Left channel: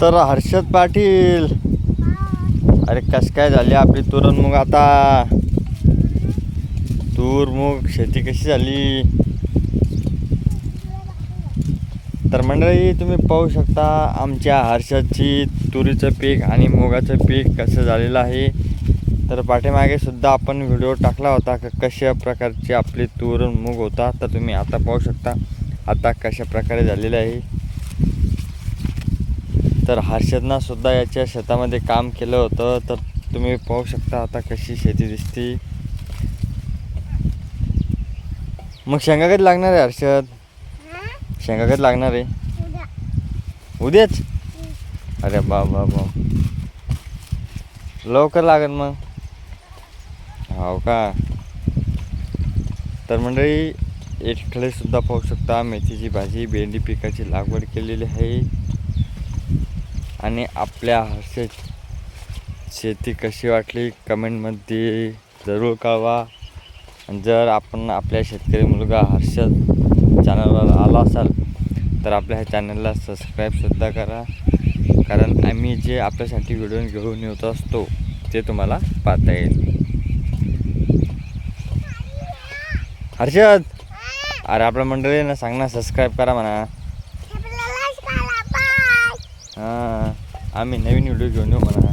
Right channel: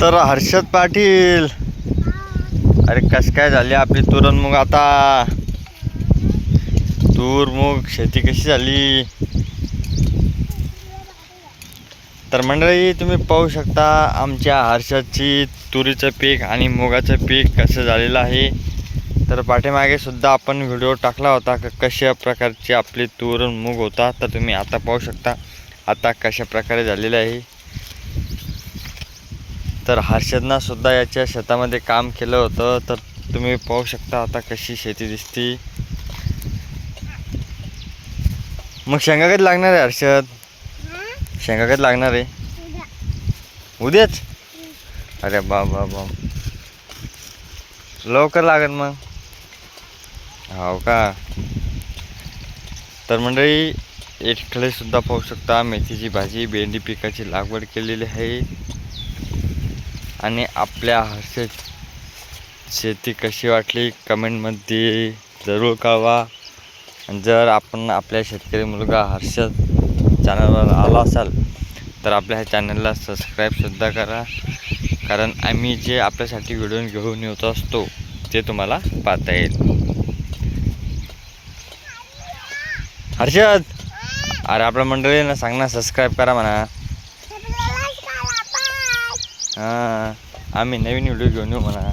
तर हर्षद पाटील, अरे कस काय झाली आपली तूर आता? तूर मूग शेती कशी झाली? तर मंडळी तुम्ही पाहू शकता आमच्या हर्षदची तुरीचं पीक आणि मुगाचं पीक कसं झालेलं आहे. तर पाठीमागे सुद्धा आपण व्हिडिओ टाकला होता कशा प्रकारची आपली तूर मूग होता. तर तुम्ही आता पाहू शकता आता कशा प्रकारे झालेलं आहे. तर हर्षदनं सुद्धा याच्या शेतामध्ये काम केलं होतं. तर तुम्ही पाहू शकता आता कशी शेती दिसती. मग शेंगा कधी लागणार आहे हर्षद? शेंगा कधी लागणार आहे? उद्याच? अरे बाबा लवकर लागेल मग. हो का? तर मंडळी इकडे सुद्धा पाहू शकता मेथीची भाजी भेंडी पिकाची लागवड केलेली आहे. आणि आपल्या हर्षद शेती कशी वाटली कमेंटमध्ये जरूर कळवा. जर आपण आपल्या शेतकरी मुलगा हर्षद चॅनलवर आला असाल तर आपल्या ह्या चॅनलला सबस्क्राईबसुद्धा करा. कारण आम्ही जे आपल्यासाठी व्हिडिओ घेऊन येत असतो ते तुम्हाला पाहता येईल. हर्षद, अरे आपल्या मंडळींना सांग ना सबस्क्राईब करा म्हणा. हां, आम्ही नवीन व्हिडिओ घेऊन येऊ म्हणा.